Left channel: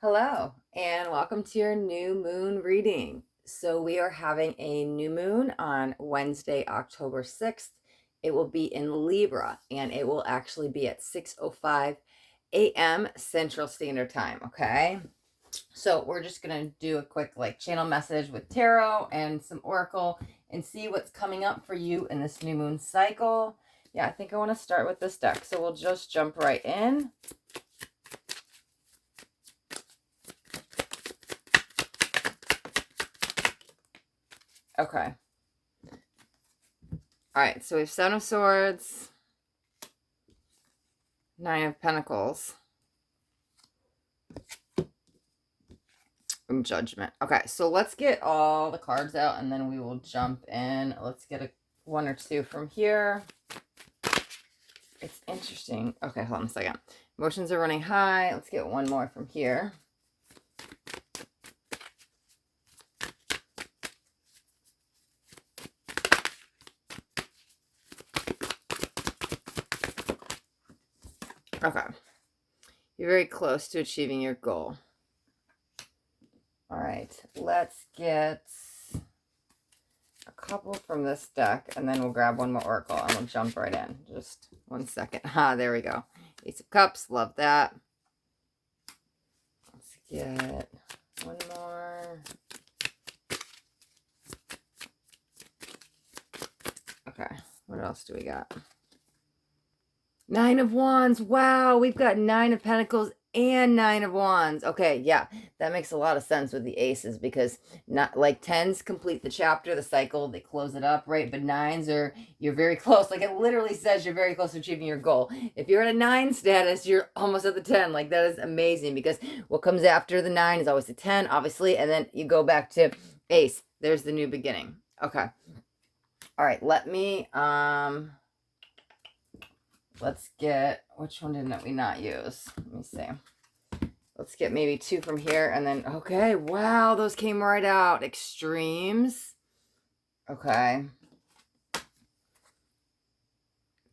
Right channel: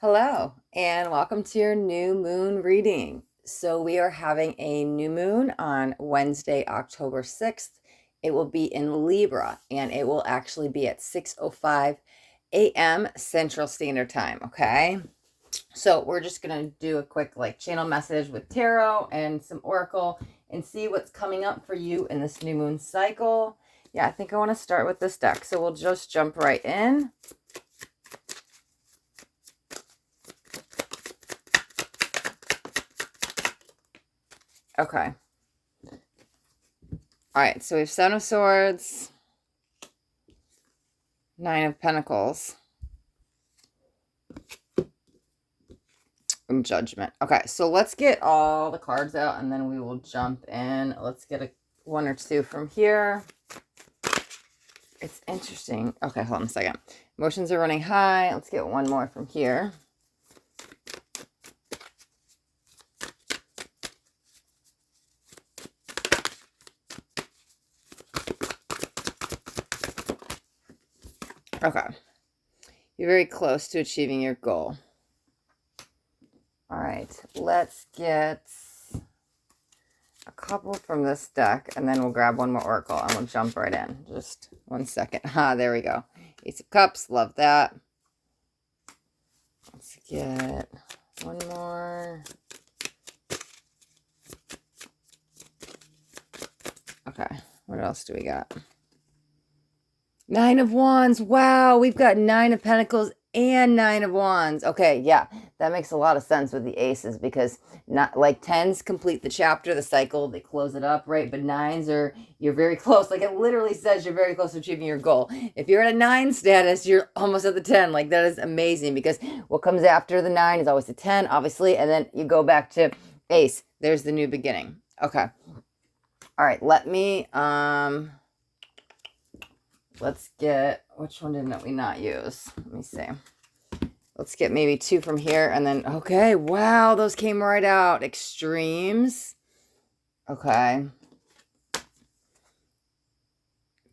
Hello, and welcome to your new moon reading. So, we are having a new moon on Wednesday, October 6th. It will be in Libra, and it will actually be at 6:05 a.m. Central Standard Time. Okay. So, we're just going to do a quick channel message with tarot and some oracle and see what's coming up for you in this new moon cycle. Yeah, I think I want to start with this deck. So, we'll just jump right in. Okay. All right, so we have Seven of Swords, Nine of Pentacles, and Judgment. Okay, so let's get all the cards out, and then we will jump in. Let's get one or two from here. It's interesting. Okay, hold on a second. Emotions are running high. Let's get one more from here. Okay. You're very close to achieving your goal. All right, let's get a couple from this deck, and then we'll grab one more oracle, and we'll jump right in. Just 1 second. There we go. Ace of Cups, love that. Let's get one more. Okay, what else do we got? Nine of Wands. Wow, we've got Nine of Pentacles and Nine of Wands. Okay, yeah, that makes a lot of sense with the aces, because not like tens complete the chapter, the cycle, they close it up, right? But nines are, you're very close. Like, it literally says you're very close to achieving your goal. If you're at a 9 status, you're almost at the 10. Like, that is amazing, because what comes after the 9 is always the 10, obviously, and then you go back to ace. There's the new beginning. Okay. All right, let me let's get, which one didn't we not use? Let me see. Let's get maybe two from here, and then, okay, wow, those came right out. Extremes. Okay.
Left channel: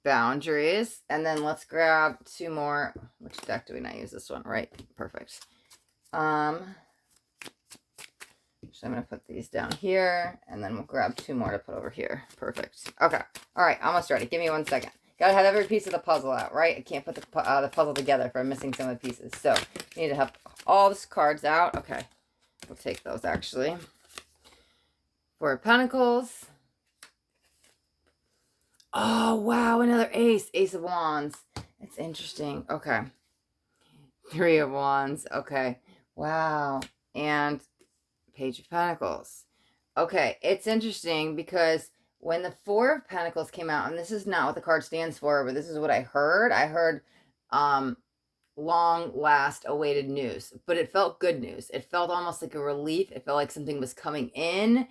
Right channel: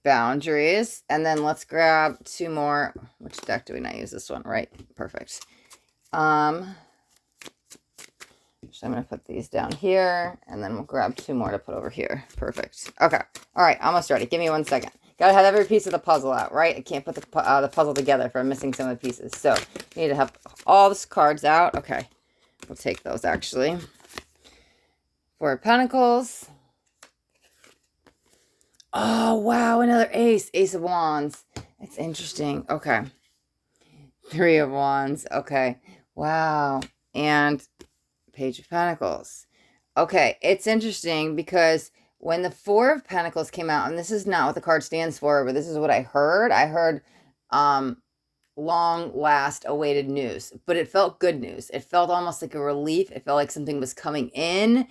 Boundaries. And then let's grab two more. Which deck do we not use? This one, right? Perfect. So I'm going to put these down here, and then we'll grab two more to put over here. Perfect. Okay. All right, almost ready. Give me 1 second. Gotta have every piece of the puzzle out, right? I can't put the puzzle together if I'm missing some of the pieces. So, you need to have all the cards out. Okay. We'll take those, actually. Four of Pentacles. Oh, wow. Another ace. Ace of Wands. It's interesting. Okay. Three of Wands. Okay. Wow. And Page of Pentacles. Okay. It's interesting because when the Four of Pentacles came out, and this is not what the card stands for, but this is what I heard. I heard long last awaited news, but it felt good news. It felt almost like a relief. It felt like something was coming in.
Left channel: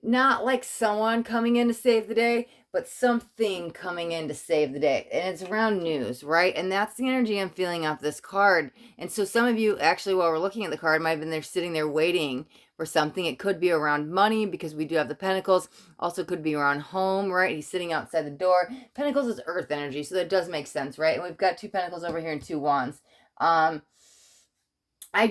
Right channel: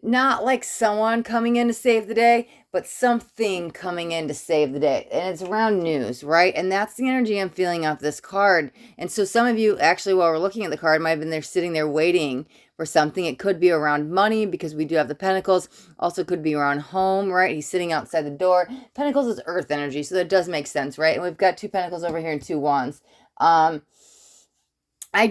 Not like someone coming in to save the day, but something coming in to save the day. And it's around news, right? And that's the energy I'm feeling off this card. And so some of you, actually, while we're looking at the card, might have been there sitting there waiting for something. It could be around money, because we do have the Pentacles. Also could be around home, right? He's sitting outside the door. Pentacles is earth energy, so that does make sense, right? And we've got two Pentacles over here and two Wands. I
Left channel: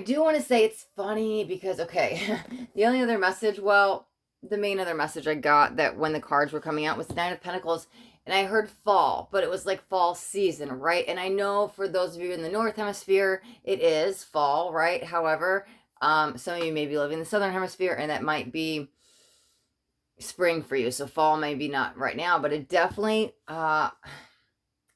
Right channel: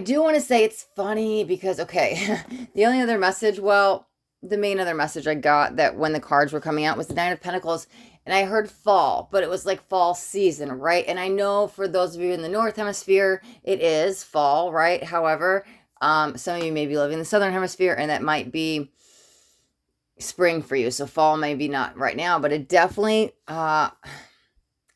do want to say it's funny because, okay, the only other message, well, the main other message I got that when the cards were coming out was the Nine of Pentacles, and I heard fall, but it was like fall season, right? And I know for those of you in the North Hemisphere, it is fall, right? However, some of you may be living in the Southern Hemisphere, and that might be spring for you. So fall maybe not right now, but it definitely,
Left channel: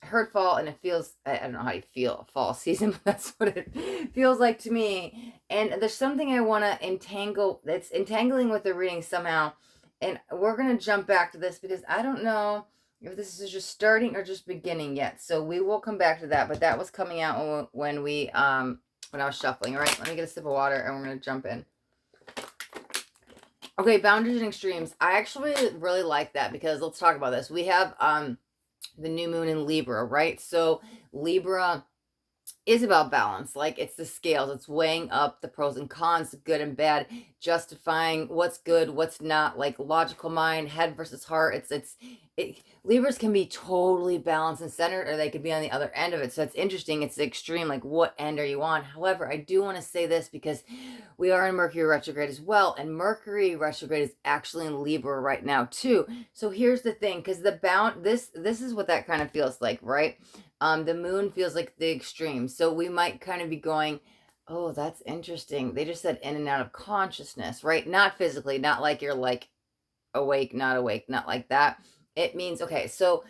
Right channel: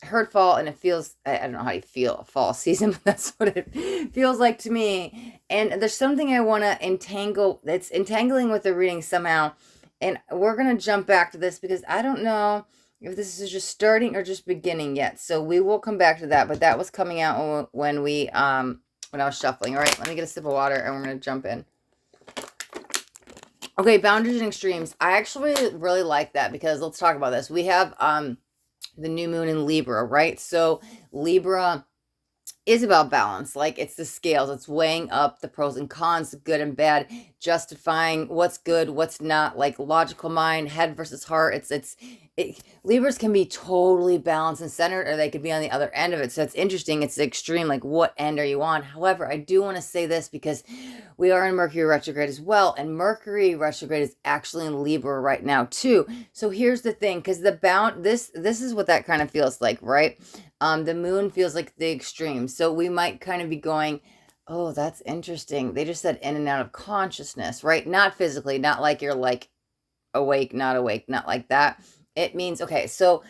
heard fall, and it feels, I don't know how you feel fall season, but that's what it feels like to me. And there's something I want to entangle, that's entangling with the reading somehow, and we're going to jump back to this because I don't know if this is just starting or just beginning yet, so we will come back to that. But that was coming out when we when I was shuffling. All right, let me get a sip of water, and we're going to jump in. Okay, boundaries and extremes. I actually really like that, because let's talk about this. We have the new moon in Libra, right? So Libra is about balance. Like it's the scales, it's weighing up the pros and cons, the good and bad, justifying what's good, what's not, like logical mind, head versus heart. Libras can be totally balanced and centered, or they could be on the other end of it. So it's interesting. It's the extreme, like what end are you on? However, I do want to say this because we are in Mercury retrograde as well, and Mercury retrograde is actually in Libra right now too. So here's the thing, because this is what that kind of feels like, right? The moon feels like the extreme. So we might kind of be going, oh, that's interesting. They just said in and out of consciousness, right? Not physically, not like you're like awake, not like that. It means, okay, so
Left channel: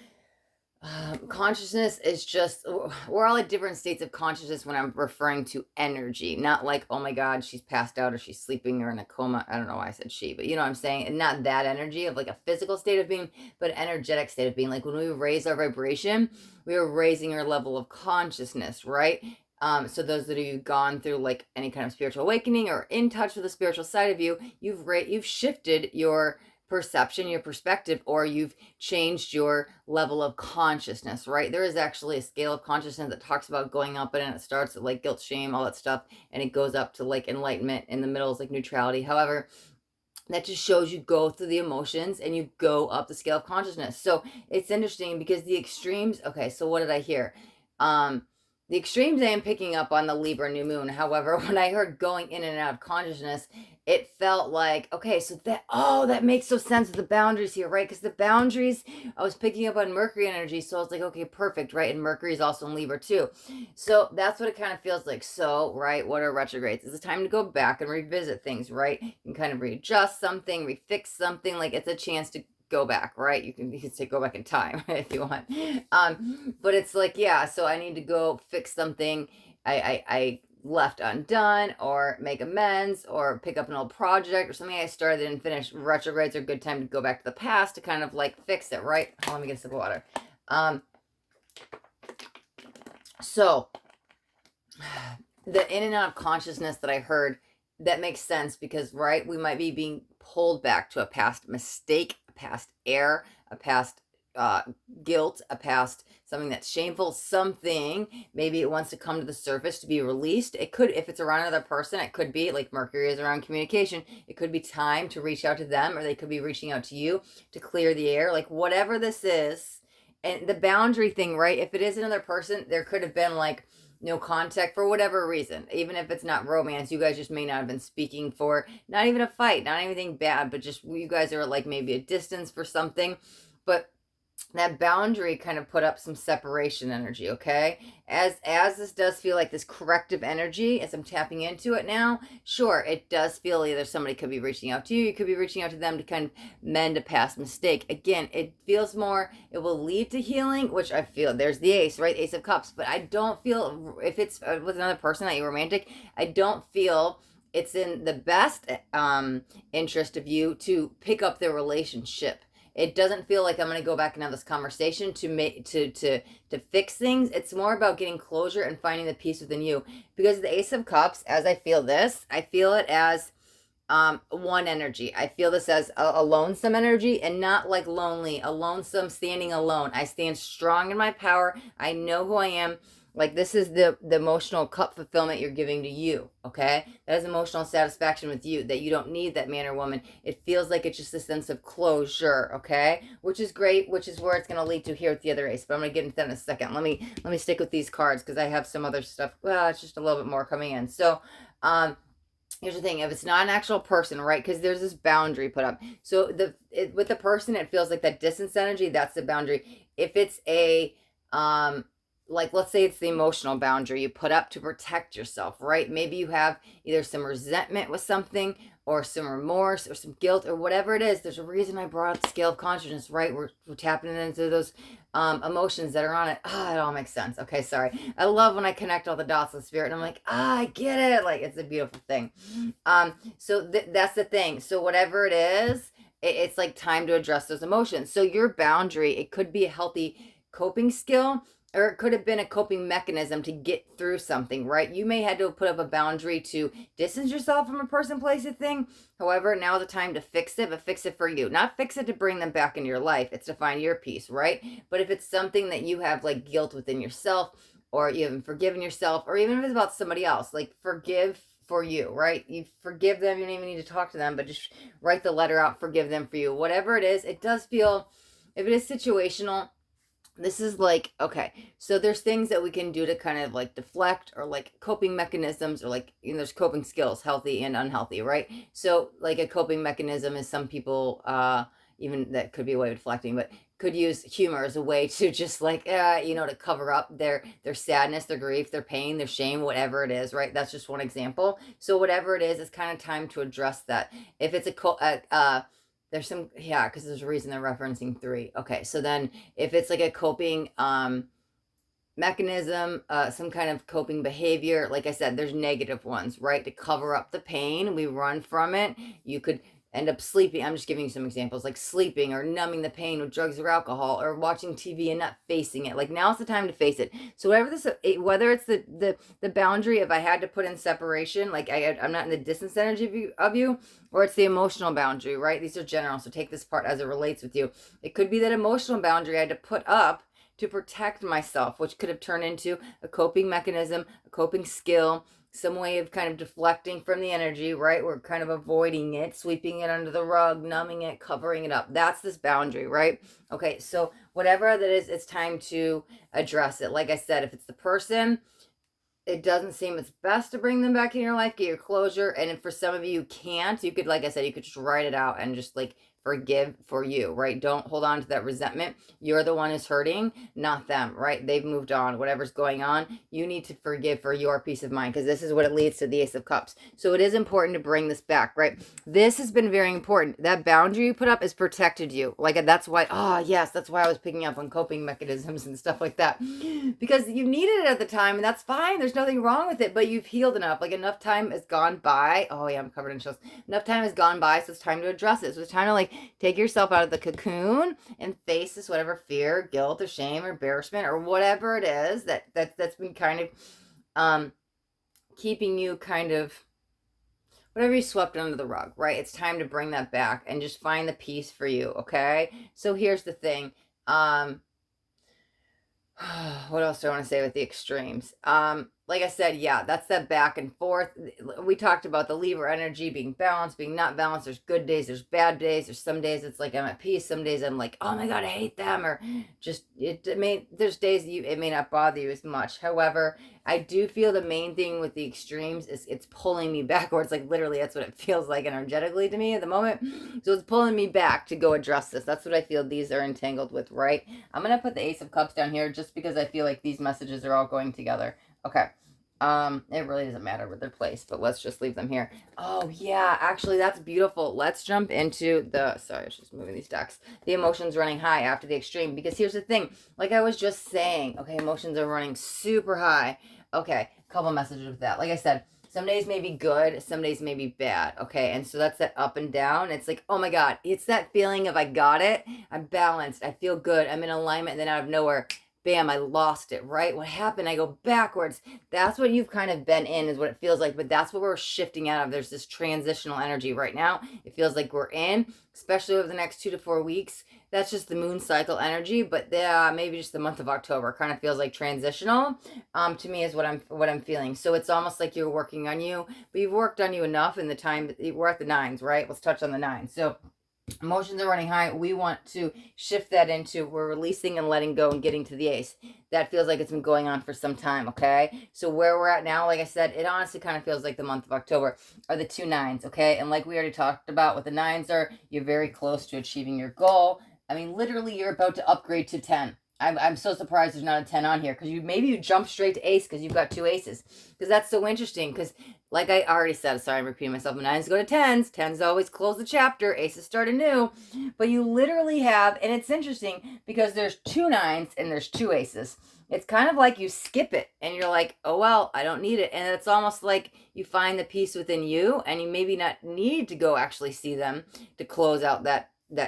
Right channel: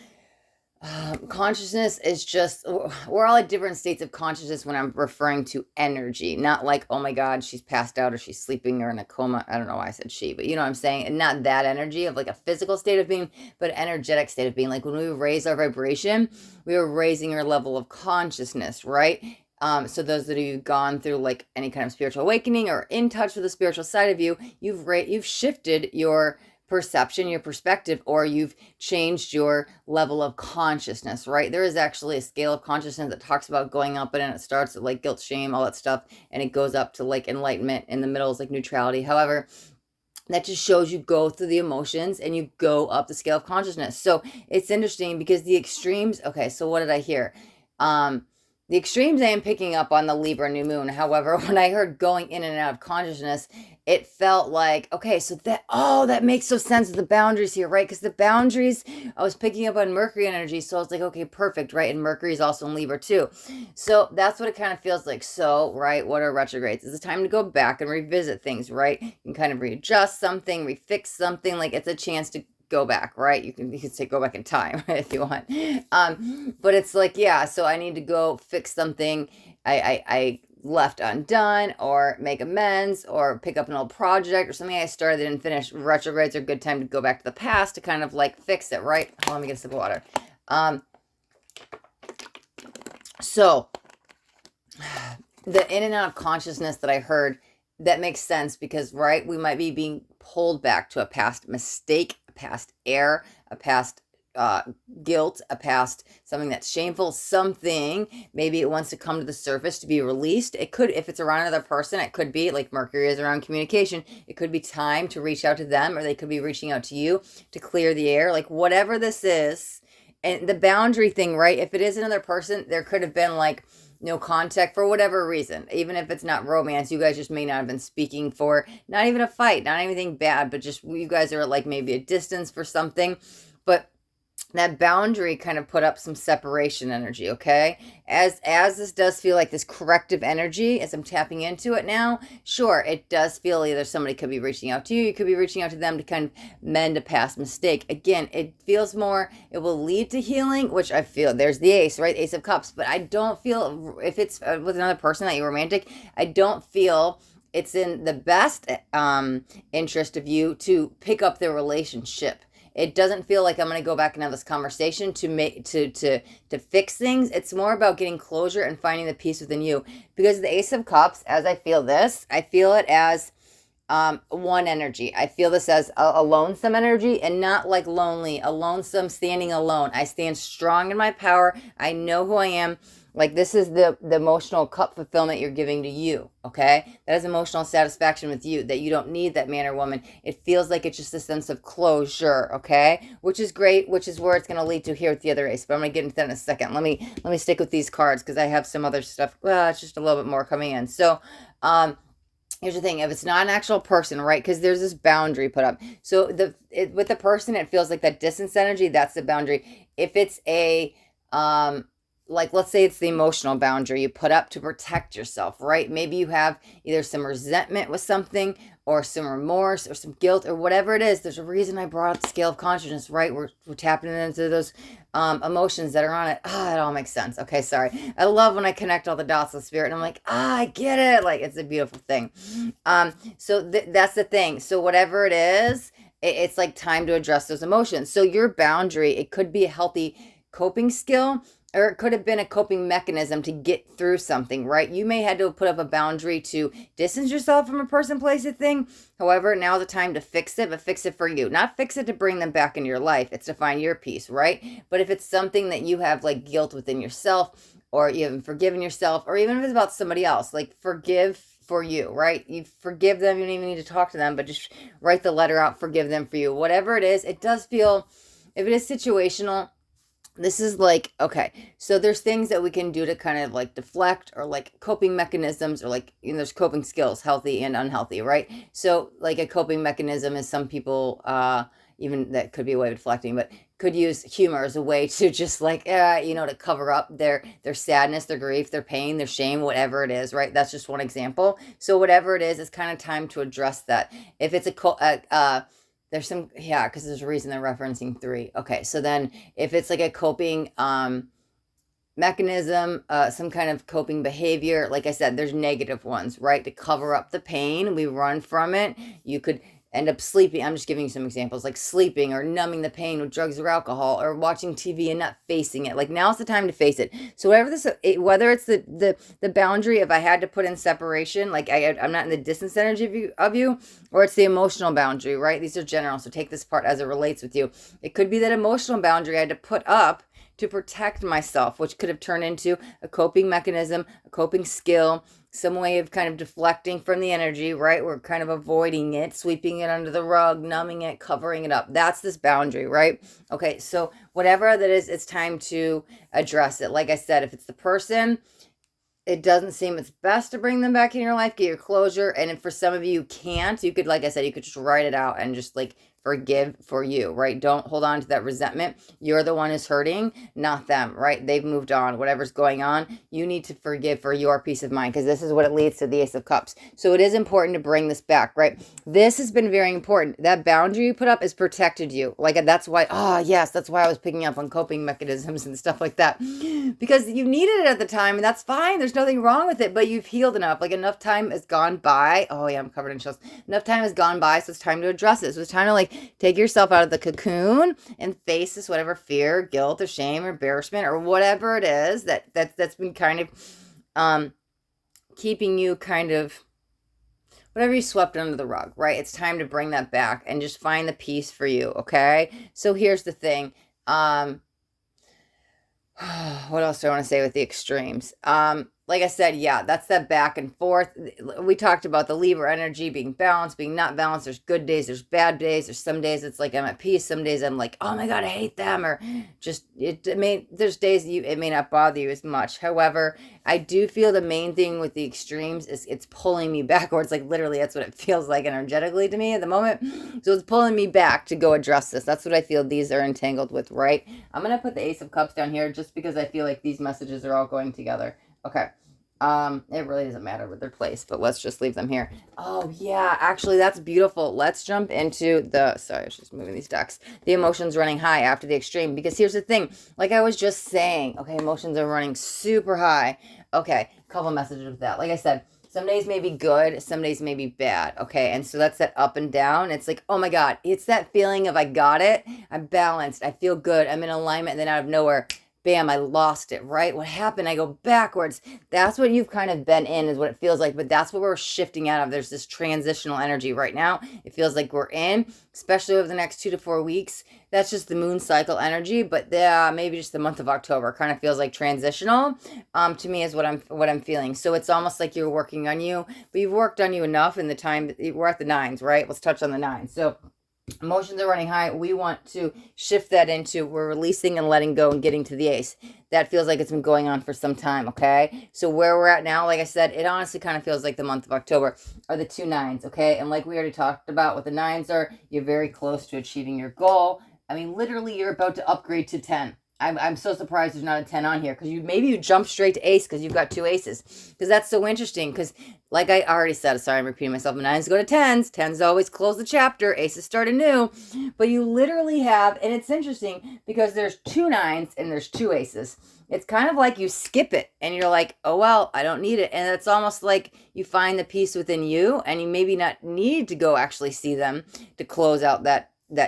consciousness is just, we're all at different states of consciousness when I'm referring to energy, not like, oh my God, she's passed out or she's sleeping or in a coma. I don't know why I said she, but you know what I'm saying? And not that energy of like a physical state of being, but energetic state of being. Like when we raise our vibration, we are raising our level of consciousness, right? So those that have gone through like any kind of spiritual awakening or in touch with the spiritual side of you, you've shifted your perception, your perspective, or you've changed your level of consciousness, right? There is actually a scale of consciousness that talks about going up, and it starts at like guilt, shame, all that stuff, and it goes up to like enlightenment. In the middle is like neutrality. However, that just shows you go through the emotions and you go up the scale of consciousness. So it's interesting because the extremes, okay, so what did I hear? The extremes I am picking up on the Libra new moon. However, when I heard going in and out of consciousness, it felt like, okay, so that makes so sense of the boundaries here, right? Because the boundaries, I was picking up on Mercury energy. So I was like, okay, perfect, right? And Mercury is also in Libra too. So that's what it kind of feels like. So, right, what are retrogrades? It's a time to go back and revisit things, right? You can kind of readjust something, refix something. Like it's a chance to go back, right? You can say go back in time if you want. But it's like, yeah, so I need to go fix something I left undone, or make amends, or pick up an old project or something I started and finished. Retrogrades are a good time to go back to the past to kind of like fix it, right? Hold on, let me get a sip of water. So the in and out of consciousness that I heard, that makes sense because, right, we might be being pulled back to a past mistake, a past error, a past guilt, a past something that's shameful, something maybe it wants to come to the surface to be released. It could, if it's around another person, it could be like Mercury is around communication. It could be time to reach out to them, or they could be reaching out to you to clear the air, like whatever this is. And the boundary thing, right? If it is another person, there could have been like no contact for whatever reason. Even if it's not romance, you guys just may not have been speaking for not even a fight, not anything bad, but just you guys are like maybe a distance for something. But that boundary kind of put up some separation energy, okay? As this does feel like this corrective energy, as I'm tapping into it now, sure, it does feel either somebody could be reaching out to you, you could be reaching out to them to kind of mend a past mistake. Again, it feels more, it will lead to healing, which I feel, there's the ace, right? Ace of Cups. But I don't feel, if it's with another person that you're romantic, I don't feel it's in the best interest of you to pick up their relationship. It doesn't feel like I'm going to go back and have this conversation to make to fix things. It's more about getting closure and finding the peace within you. Because the Ace of Cups, as I feel this, I feel it as one energy. I feel this as a lonesome energy, and not like lonely, a lonesome standing alone. I stand strong in my power. I know who I am. Like this is the emotional cup fulfillment you're giving to you, okay? That is emotional satisfaction with you, that you don't need that man or woman. It feels like it's just a sense of closure, okay? Which is great, which is where it's going to lead to here with the other ace. But I'm going to get into that in a second. Let me stick with these cards because I have some other stuff. Well, it's just a little bit more coming in. So, here's the thing, if it's not an actual person, right? Because there's this boundary put up. So with the person, it feels like that distance energy, that's the boundary. If it's a like let's say it's the emotional boundary you put up to protect yourself, right? Maybe you have either some resentment with something, or some remorse, or some guilt, or whatever it is. There's a reason I brought up the scale of consciousness, right? We're tapping into those emotions that are on it. It all makes sense. Okay, sorry. I love when I connect all the dots with spirit and I'm like, I get it. Like it's a beautiful thing. So that's the thing. So whatever it is, it's like time to address those emotions. So your boundary, it could be a healthy coping skill, or it could have been a coping mechanism to get through something, right? You may have to put up a boundary to distance yourself from a person, place, a thing. However, now the time to fix it, but fix it for you. Not fix it to bring them back into your life. It's to find your peace, right? But if it's something that you have like guilt within yourself, or you haven't forgiven yourself, or even if it's about somebody else, like forgive for you, right? You forgive them. You don't even need to talk to them, but just write the letter out, forgive them for you. Whatever it is, it does feel, if it is situational, this is like, okay, so there's things that we can do to kind of like deflect, or like coping mechanisms, or like, you know, there's coping skills, healthy and unhealthy, right? So like a coping mechanism is, some people, even that could be a way of deflecting, but could use humor as a way to just like, you know, to cover up their sadness, their grief, their pain, their shame, whatever it is, right? That's just one example. So whatever it is, it's kind of time to address that. If it's there's some, yeah, because there's a reason they're referencing 3. Okay, so then if it's like a coping mechanism, some kind of coping behavior, like I said, there's negative ones, right? To cover up the pain, we run from it. You could end up sleeping. I'm just giving you some examples, like sleeping or numbing the pain with drugs or alcohol, or watching TV and not facing it. Like, now's the time to face it. So whatever this, whether it's the boundary, if I had to put in separation, like I'm not in the distance energy of you, or it's the emotional boundary, right? These are general, so take this part as it relates with you. It could be that emotional boundary I had to put up to protect myself, which could have turned into a coping mechanism, a coping skill, some way of kind of deflecting from the energy, right? We're kind of avoiding it, sweeping it under the rug, numbing it, covering it up. That's this boundary, right? Okay, so whatever that is, it's time to address it. Like I said, if it's the person, it doesn't seem it's best to bring them back in your life, get your closure. And if for some of you can't, you could, like I said, you could just write it out and just like forgive for you, right? Don't hold on to that resentment. You're the one who's hurting, not them, right? They've moved on, whatever's going on. You need to forgive for your peace of mind, because this is what it leads to, the Ace of Cups. So it is important to bring this back, right? This has been very important. That boundary you put up has protected you. Like, that's why, yes, that's why I was picking up on coping mechanisms and stuff like that, because you needed it at the time, and that's fine. There's nothing wrong with it, but you've healed enough. Like, enough time has gone by. Oh yeah, I'm covered in chills. Enough time has gone by, so it's time to address it. So it's time to like take yourself out of the cocoon and face this, whatever fear, guilt, or shame, or embarrassment, or whatever it is that's been kind of keeping you kind of, whatever you swept under the rug, right? It's time to bring that back and just find the peace for you, okay? So here's the thing. What else do I want to say with the extremes? Like I said, yeah, that's that back and forth. We talked about the Libra energy being balanced, being not balanced. There's good days, there's bad days. There's some days it's like I'm at peace. Some days I'm like, oh my God, I hate them. Or just, there's days it may not bother you as much. However, I do feel the main thing with the extremes is it's pulling me backwards. Like, literally, that's what it feels like energetically to me at the moment. So it's pulling me back to go address this. That's what I feel these are entangled with, right? I'm going to put the Ace of Cups down here just because I feel like these messages are all going together. Okay. It really doesn't matter where they're placed, but let's just leave them here. Oh yeah, actually that's beautiful. Let's jump into sorry, I was just moving these decks. The emotions running high after the extreme, because here's the thing, like I was just saying, okay, emotions are running super high. Okay, couple messages with that. Like I said, some days may be good, some days may be bad. Okay, and so that's that up and down. It's like, oh my God, it's that feeling of I got it, I'm balanced, I feel good, I'm in alignment, and then out of nowhere, bam, I lost it, right? What happened? I go backwards. That's what you've kind of been in, is what it feels like. But that's what we're shifting out of. There's this transitional energy right now. It feels like we're in, especially over the next 2 to 4 weeks. That's just the moon cycle energy. But maybe just the month of October kind of feels like transitional. To me is what I'm feeling. So it's almost like you're working on you, but you've worked on you enough in the time. We're at the 9s, right? Let's touch on the 9s. So emotions are running high. We want to shift that into, we're releasing and letting go and getting to the Ace. That feels like it's been going on for some time, okay? So where we're at now, like I said, it honestly kind of feels like the month of October are the 2 9s, okay? And like we already talked about, what the 9s are, you're very close to achieving your goal. I mean, literally, you're about to upgrade to 10. I'm so surprised there's not a 10 on here, because maybe you jump straight to Ace because you've got 2 aces. Because that's so interesting, because like I already said, sorry, I'm repeating myself, 9s go to 10s. 10s always close the chapter. Aces start anew. But you literally have, and it's interesting because there's 2 9s and there's 2 aces. It's kind of like you skip it and you're like, oh, well, I don't need it. And it's almost like you find the peace within you, and you maybe not need to go actually see them to close out that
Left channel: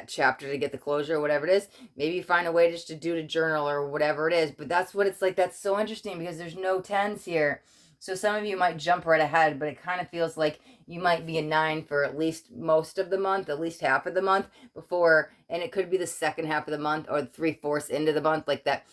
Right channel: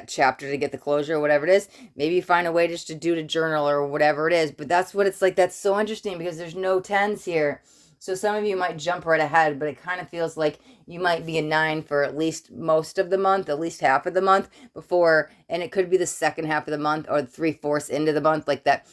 chapter, to get the closure or whatever it is. Maybe you find a way just to do to journal or whatever it is. But that's what it's like. That's so interesting because there's no 10s here. So some of you might jump right ahead, but it kind of feels like you might be a 9 for at least most of the month, at least half of the month before, and it could be the second half of the month or 3/4 into the month, like that.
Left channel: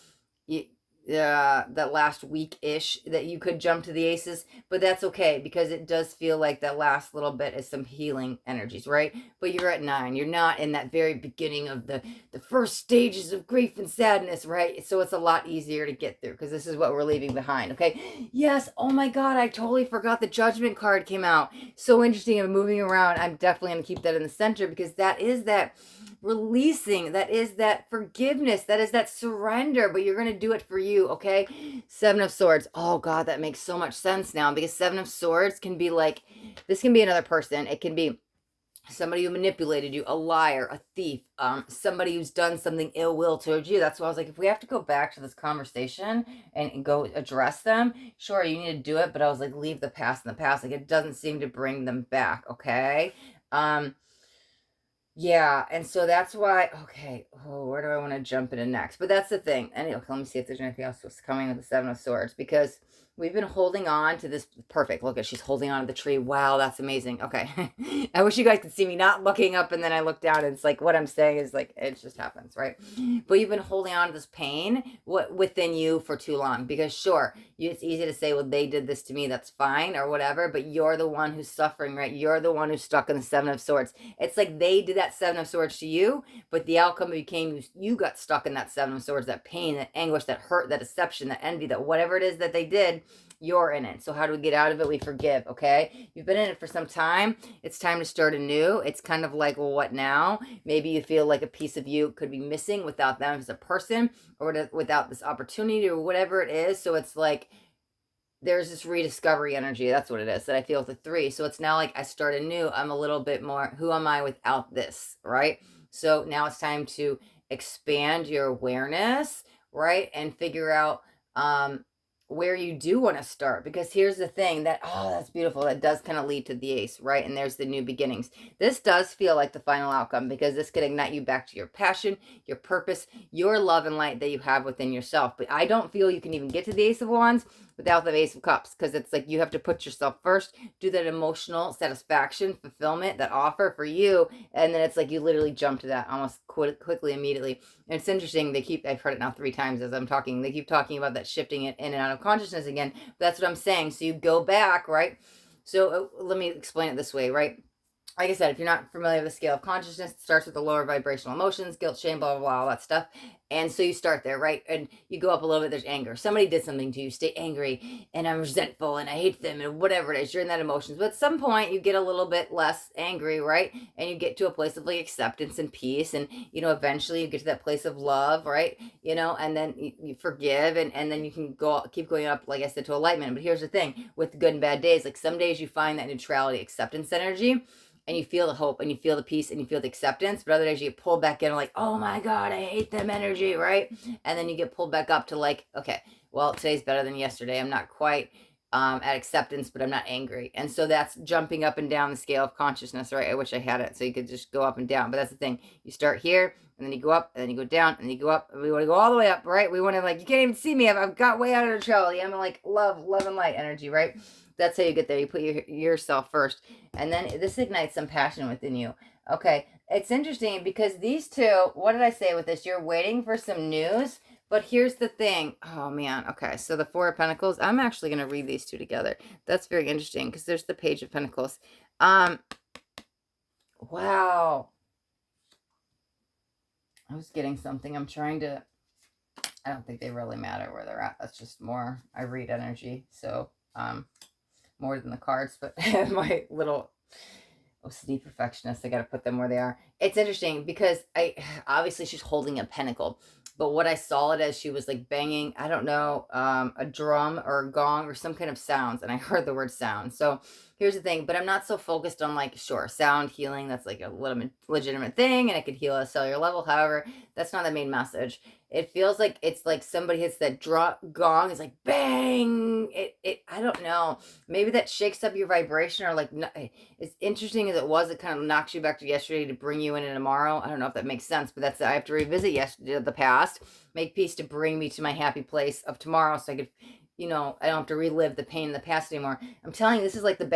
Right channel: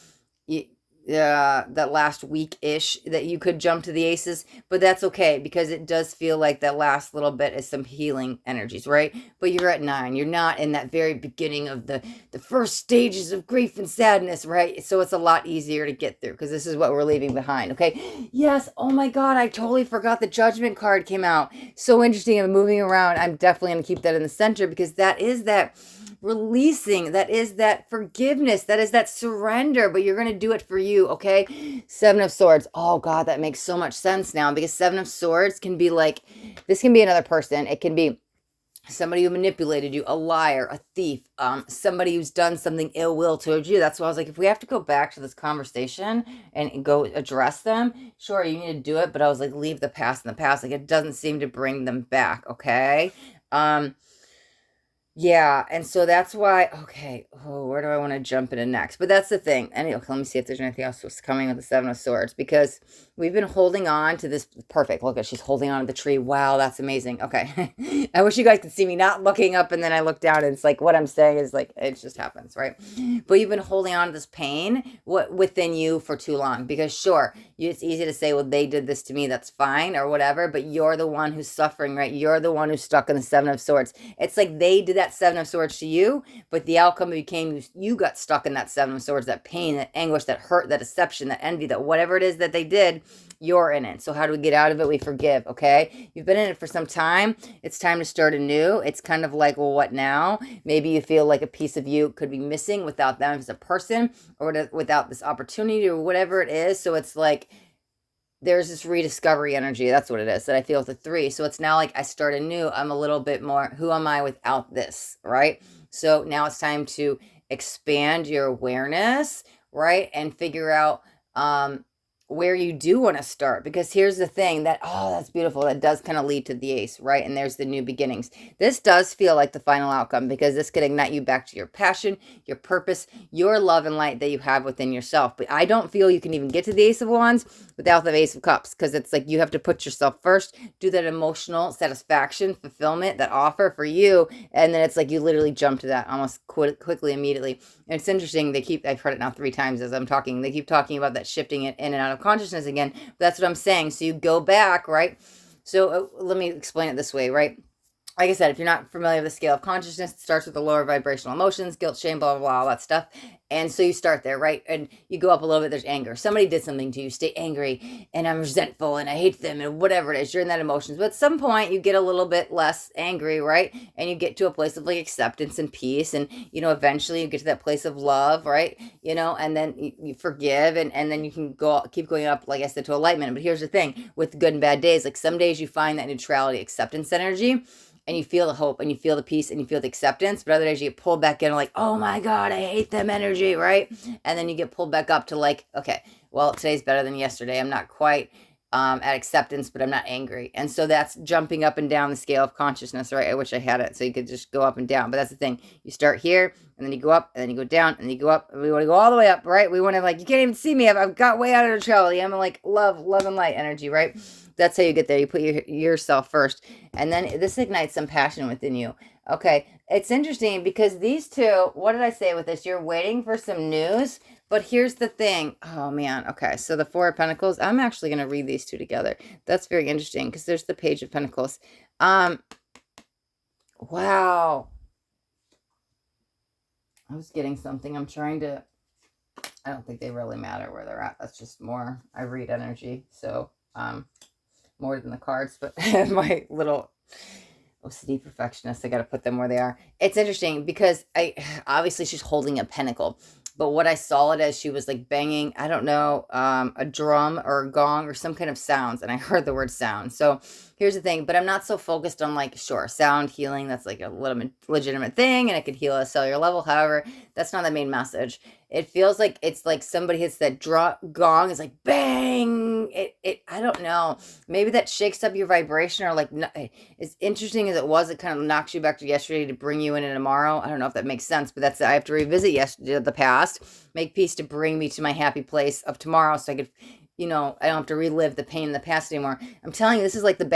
that last week-ish that you could jump to the aces, but that's okay because it does feel like that last little bit is some healing energies, right? But you're at 9. You're not in that very beginning of the first stages of grief and sadness, right? So it's a lot easier to get through because this is what we're leaving behind, okay? Yes, oh my God, I totally forgot the Judgment card came out. So interesting. I'm moving around. I'm definitely going to keep that in the center because that is that releasing, that is that forgiveness, that is that surrender, but you're going to do it for you, okay? 7 of Swords. Oh God, that makes so much sense now because 7 of Swords can be like, this can be another person. It can be somebody who manipulated you, a liar, a thief, somebody who's done something ill will towards you. That's why I was like, if we have to go back to this conversation and go address them, sure, you need to do it, but I was like, leave the past in the past. Like, it doesn't seem to bring them back, okay? Yeah, and so that's why, okay, oh, where do I want to jump into next? But that's the thing. Anyway, okay, let me see if there's anything else that's coming with the 7 of Swords, because we've been holding on to this. Perfect. Look at, she's holding on to the tree. Wow, that's amazing. Okay. I wish you guys could see me not looking up and then I look down and it's like what I'm saying is like, it just happens, right? But you've been holding on to this pain within you for too long, because sure, it's easy to say, well, they did this to me, that's fine, or whatever, but you're the one who's suffering, right? You're the one who's stuck in the 7 of Swords. It's like they did that 7 of Swords to you, but the outcome became you got stuck in that 7 of Swords, that pain, that anguish, that hurt, that deception, that envy, that whatever it is that they did, you're in it. So how do we get out of it? We forgive, okay? You've been in it for some time. It's time to start anew. It's kind of like, well, what now? Maybe you feel like a piece of you could be missing without them as a person, or without this opportunity, or whatever it is. So it's like, there's this rediscovery energy. That's what it is that I feel with the 3. So it's now like I start anew. I'm a little bit more, who am I without this, right? So now it's time to expand your awareness, right? And figure out where you do want to start. Because here's the thing that, oh, that's beautiful. That does kind of lead to the Ace, right? And there's the new beginnings. This does feel like the final outcome because this could ignite you back to your passion, your purpose, your love and light that you have within yourself. But I don't feel you can even get to the Ace of Wands without the Ace of Cups, because it's like you have to put yourself first, do that emotional satisfaction, fulfillment, that offer for you, and then it's like you literally jump to that almost quickly, immediately. And it's interesting, I've heard it now 3 times as I'm talking, they keep talking about that shifting it in and out of consciousness again. But that's what I'm saying. So you go back, right? So let me explain it this way, right? Like I said, if you're not familiar with the scale of consciousness, it starts with the lower vibrational emotions, guilt, shame, blah, blah, blah, all that stuff. And so you start there, right? And you go up a little bit, there's anger. Somebody did something to you, stay angry, and I'm resentful, and I hate them, and whatever it is, you're in that emotions. But at some point, you get a little bit less angry, right? And you get to a place of like acceptance and peace, and, eventually you get to that place of love, right? And then you forgive, and then you can keep going up, like I said, to enlightenment. But here's the thing, with good and bad days, like some days you find that neutrality, acceptance energy, and you feel the hope and you feel the peace and you feel the acceptance, but other days you get pulled back in like, oh my God, I hate them energy, right? And then you get pulled back up to like, okay, well, today's better than yesterday. I'm not quite at acceptance, but I'm not angry. And so that's jumping up and down the scale of consciousness, right? I wish I had it so you could just go up and down, but that's the thing. You start here and then you go up and then you go down and then you go up. And we want to go all the way up, right? We want to, like, you can't even see me. I've got way out of neutrality. I'm like love and light energy, right? That's how you get there. You put yourself first, and then this ignites some passion within you. Okay, it's interesting because these two, what did I say with this? You're waiting for some news, but here's the thing. Oh man, okay, so the 4 of Pentacles, I'm actually going to read these two together. That's very interesting because there's the Page of Pentacles. Wow. I was getting something. I'm trying to, I don't think they really matter where they're at. That's just more, I read energy, so more than the cards, but my little OCD perfectionist, I got to put them where they are. It's interesting because obviously she's holding a pentacle, but what I saw it as, she was like banging, I don't know, a drum or a gong or some kind of sounds, and I heard the word sound. So here's the thing, but I'm not so focused on, like, sure, sound healing, that's like a legitimate thing, and it could heal at a cellular level. However, that's not the main message. It feels like it's like somebody hits that gong, it's like bang. I don't know. Maybe that shakes up your vibration, or like, as interesting as it was, it kind of knocks you back to yesterday to bring you into tomorrow. I don't know if that makes sense, but that's, I have to revisit the past, make peace to bring me to my happy place of tomorrow, so I could, I don't have to relive the pain in the past anymore. I'm telling you, this is like the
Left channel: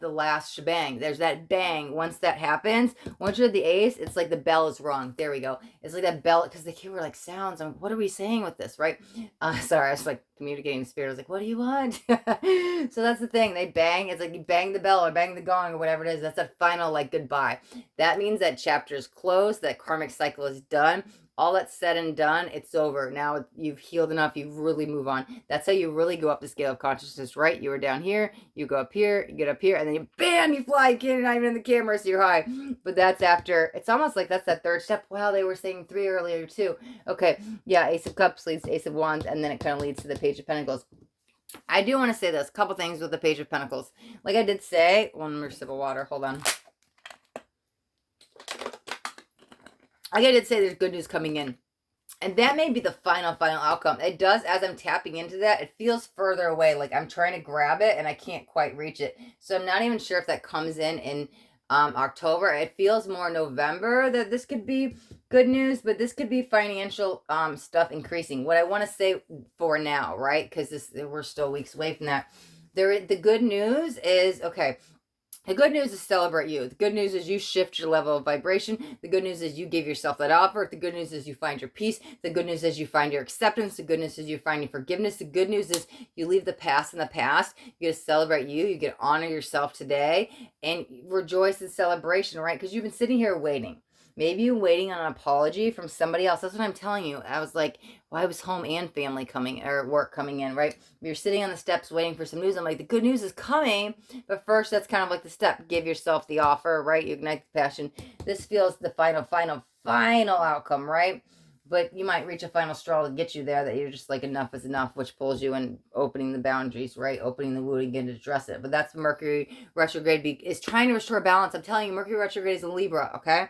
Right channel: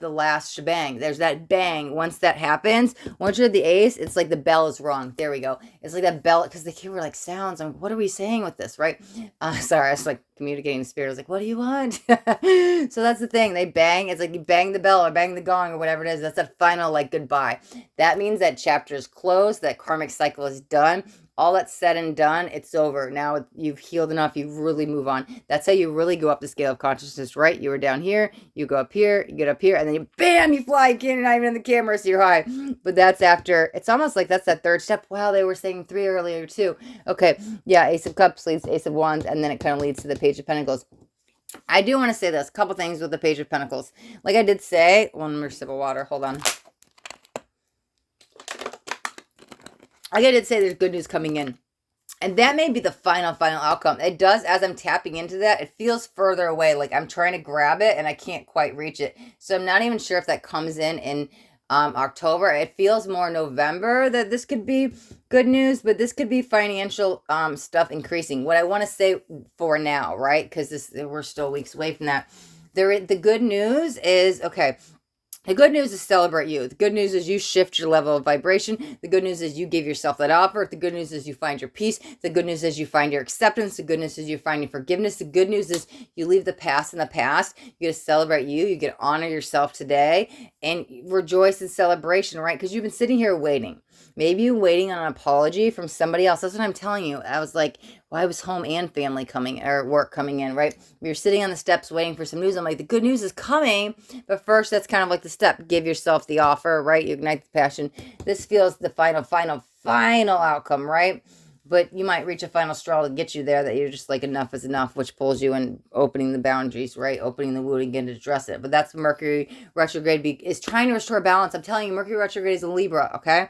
the last shebang. There's that bang. Once that happens, once you're the ace, it's like the bell is rung. There we go. It's like that bell, because the kid were like sounds. And what are we saying with this, right? Sorry, I was like communicating to spirit. I was like, what do you want? So that's the thing. They bang. It's like you bang the bell or bang the gong or whatever it is. That's a final like goodbye. That means that chapter is closed. That karmic cycle is done. All that's said and done, it's over. Now you've healed enough, you really move on. That's how you really go up the scale of consciousness, right? You were down here, you go up here, you get up here, and then you, bam, you fly. You can't not even in the camera, so you're high. But that's after, it's almost like that's that third step. Wow, they were saying 3 earlier too. Okay, yeah, Ace of Cups leads to Ace of Wands, and then it kind of leads to the Page of Pentacles. I do want to say this, a couple things with the Page of Pentacles. Like I did say, one more sip of water, hold on. Like I did say, there's good news coming in. And that may be the final outcome. It does, as I'm tapping into that, it feels further away. Like I'm trying to grab it and I can't quite reach it. So I'm not even sure if that comes in October. It feels more November that this could be good news, but this could be financial stuff increasing. What I want to say for now, right? Because we're still weeks away from that. The good news is, okay, the good news is celebrate you. The good news is you shift your level of vibration. The good news is you give yourself that offer. The good news is you find your peace. The good news is you find your acceptance. The good news is you find your forgiveness. The good news is you leave the past in the past. You get to celebrate you. You get to honor yourself today and rejoice in celebration, right? Because you've been sitting here waiting. Maybe you're waiting on an apology from somebody else. That's what I'm telling you. I was like, well, I was home and family coming, or work coming in, right? You're sitting on the steps waiting for some news. I'm like, the good news is coming. But first, that's kind of like the step. Give yourself the offer, right? You ignite the passion. This feels the final outcome, right? But you might reach a final straw to get you there, that you're just like, enough is enough, which pulls you in, opening the boundaries, right? Opening the wound again to address it. But that's Mercury retrograde is trying to restore balance. I'm telling you, Mercury retrograde is in Libra, okay?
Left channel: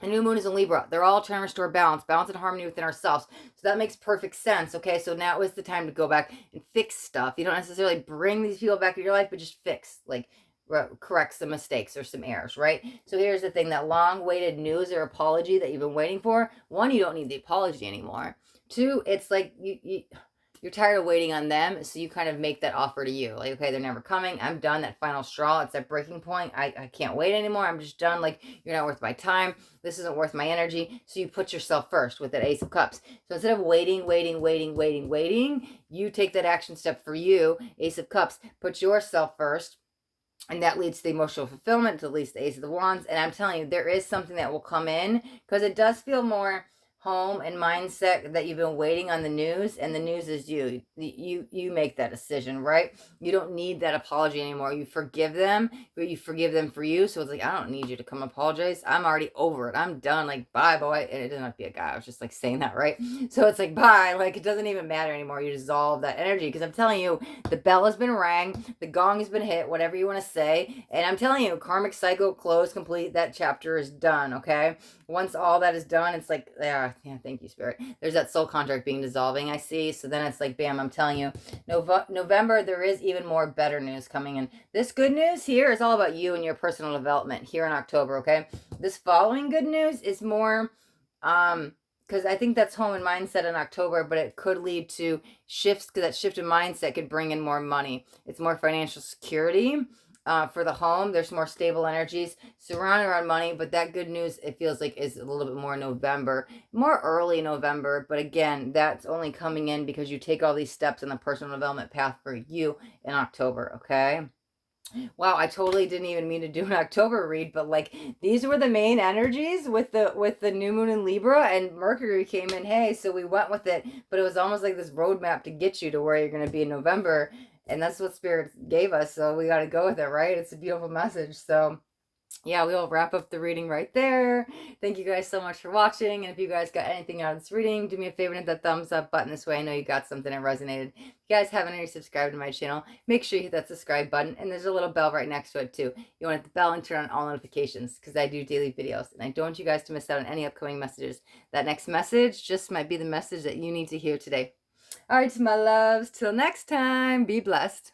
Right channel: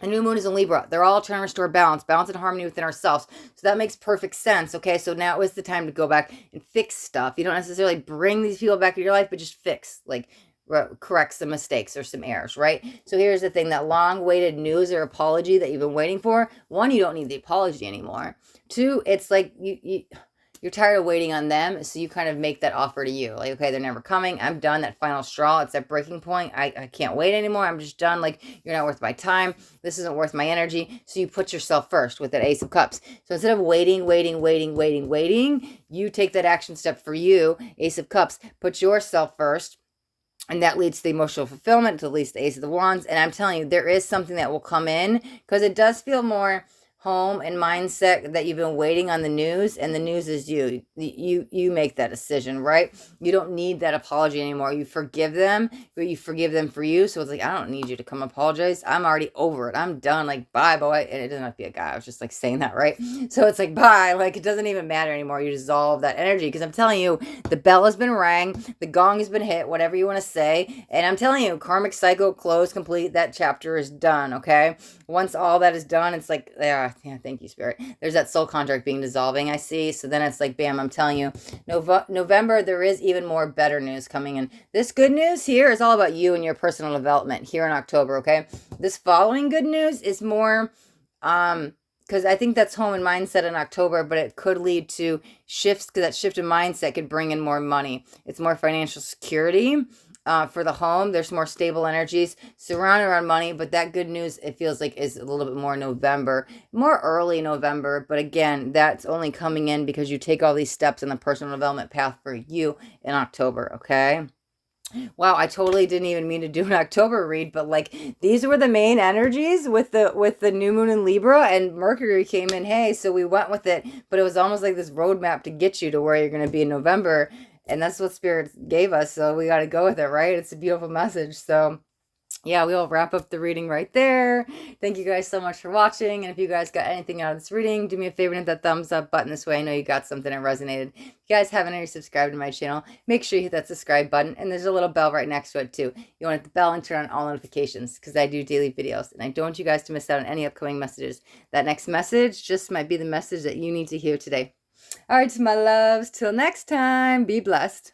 The new moon is in Libra. They're all trying to restore balance and harmony within ourselves. So that makes perfect sense, okay? So now is the time to go back and fix stuff. You don't necessarily bring these people back into your life, but just fix, like, correct some mistakes or some errors, right? So here's the thing, that long-awaited news or apology that you've been waiting for. 1, you don't need the apology anymore. 2, it's like you're tired of waiting on them, so you kind of make that offer to you. Like, okay, they're never coming. I'm done. That final straw. It's that breaking point. I can't wait anymore. I'm just done. Like, you're not worth my time. This isn't worth my energy. So you put yourself first with that Ace of Cups. So instead of waiting, you take that action step for you, Ace of Cups. Put yourself first. And that leads to the emotional fulfillment, to leads to the Ace of the Wands. And I'm telling you, there is something that will come in, because it does feel more home and mindset that you've been waiting on the news, and the news is you make that decision, right? You don't need that apology anymore. You forgive them, but you forgive them for you. So it's like, I don't need you to come apologize. I'm already over it. I'm done. Like, bye, boy. And it doesn't have to be a guy. I was just like saying that, right? So it's like, bye. Like, it doesn't even matter anymore. You dissolve that energy, because I'm telling you, the bell has been rang, the gong has been hit, whatever you want to say. And I'm telling you, karmic cycle closed, complete. That chapter is done, okay? Once all that is done, it's like, yeah, thank you, Spirit. There's that soul contract being dissolving, I see. So then it's like, bam, I'm telling you, November, there is even more better news coming in. This good news here is all about you and your personal development here in October, okay? This following good news is more, because I think that's home and mindset in October, but it could lead to shifts, because that shift in mindset could bring in more money. It's more financial security. For the home, there's more stable energies surrounding around money, but that good news, it feels like, is a little bit more November, more early November. But again, that's only coming in because you take all these steps in the personal development path for you in October, okay? Wow, I totally didn't even mean to do an October read, but like, these were the main energies with the new moon in Libra, and Mercury came in, hey, so we went with it, but it was almost like this roadmap to get you to where you're going to be in November. And that's what Spirit gave us, so we got to go with it, right? It's a beautiful message. So yeah, we'll wrap up the reading right there. Thank you guys so much for watching. And if you guys got anything out of this reading, do me a favor and hit that thumbs up button. This way I know you got something that resonated. If you guys haven't already subscribed to my channel, make sure you hit that subscribe button. And there's a little bell right next to it too. You want to hit the bell and turn on all notifications, because I do daily videos. And I don't want you guys to miss out on any upcoming messages. That next message just might be the message that you need to hear today. All right, my loves, till next time, be blessed.